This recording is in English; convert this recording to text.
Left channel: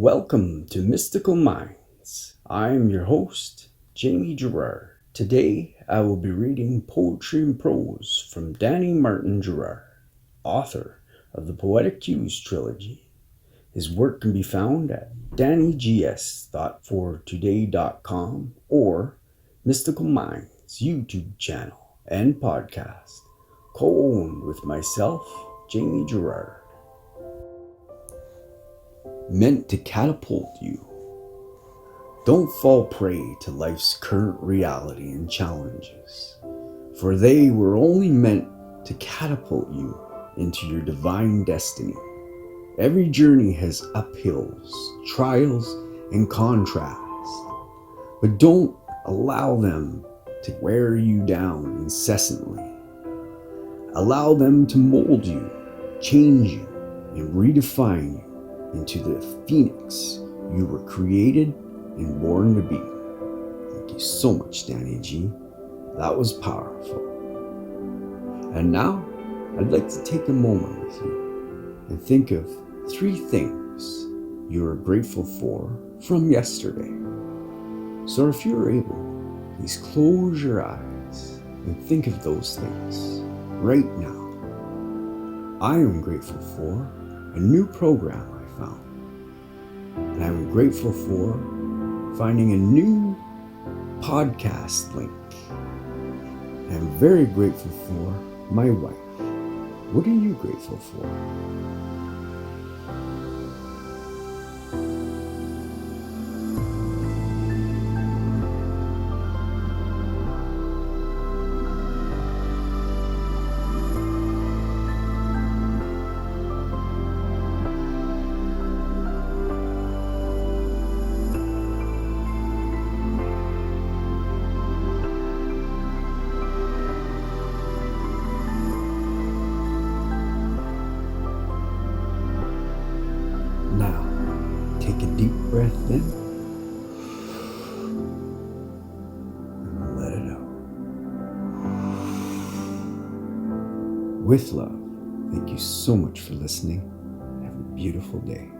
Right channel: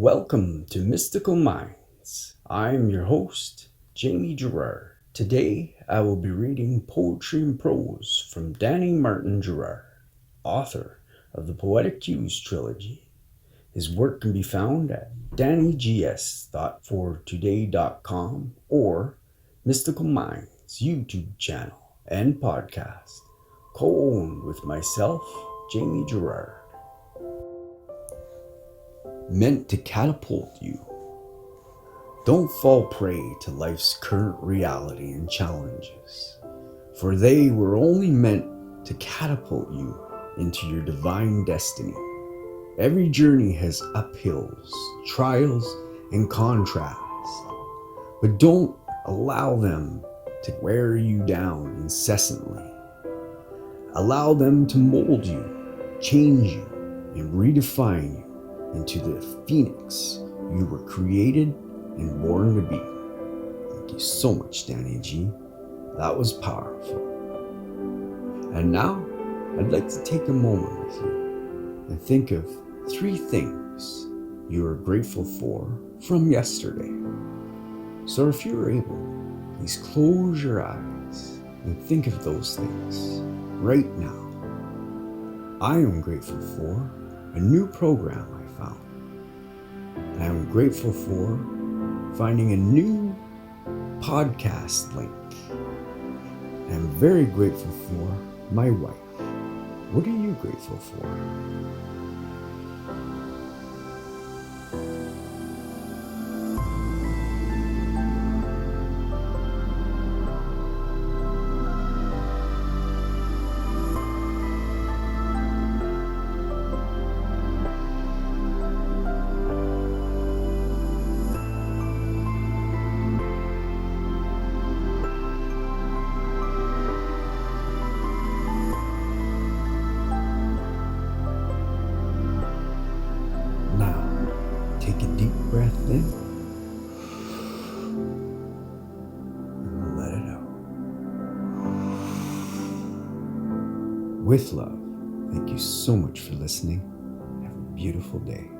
Welcome to Mystical Minds. I am your host, Jamie Gerard. Today I will be reading poetry and prose from Danny Martin Gerard, author of the Poetic Cues trilogy. His work can be found at dannygs.fortoday.com or Mystical Minds YouTube channel and podcast, co-owned with myself, Jamie Gerard. Meant to catapult you. Don't fall prey to life's current reality and challenges, for they were only meant to catapult you into your divine destiny. Every journey has uphills, trials, and contrasts, but don't allow them to wear you down incessantly. Allow them to mold you, change you, and redefine you into the phoenix you were created and born to be. Thank you so much, Danny G. That was powerful. And now, I'd like to take a moment with you and think of 3 things you are grateful for from yesterday. So if you're able, please close your eyes and think of those things right now. I am grateful for a new program I found. And I'm grateful for finding a new podcast link. And I'm very grateful for my wife. What are you grateful for? Now, take a deep breath in and let it out. With love, thank you so much for listening. Have a beautiful day.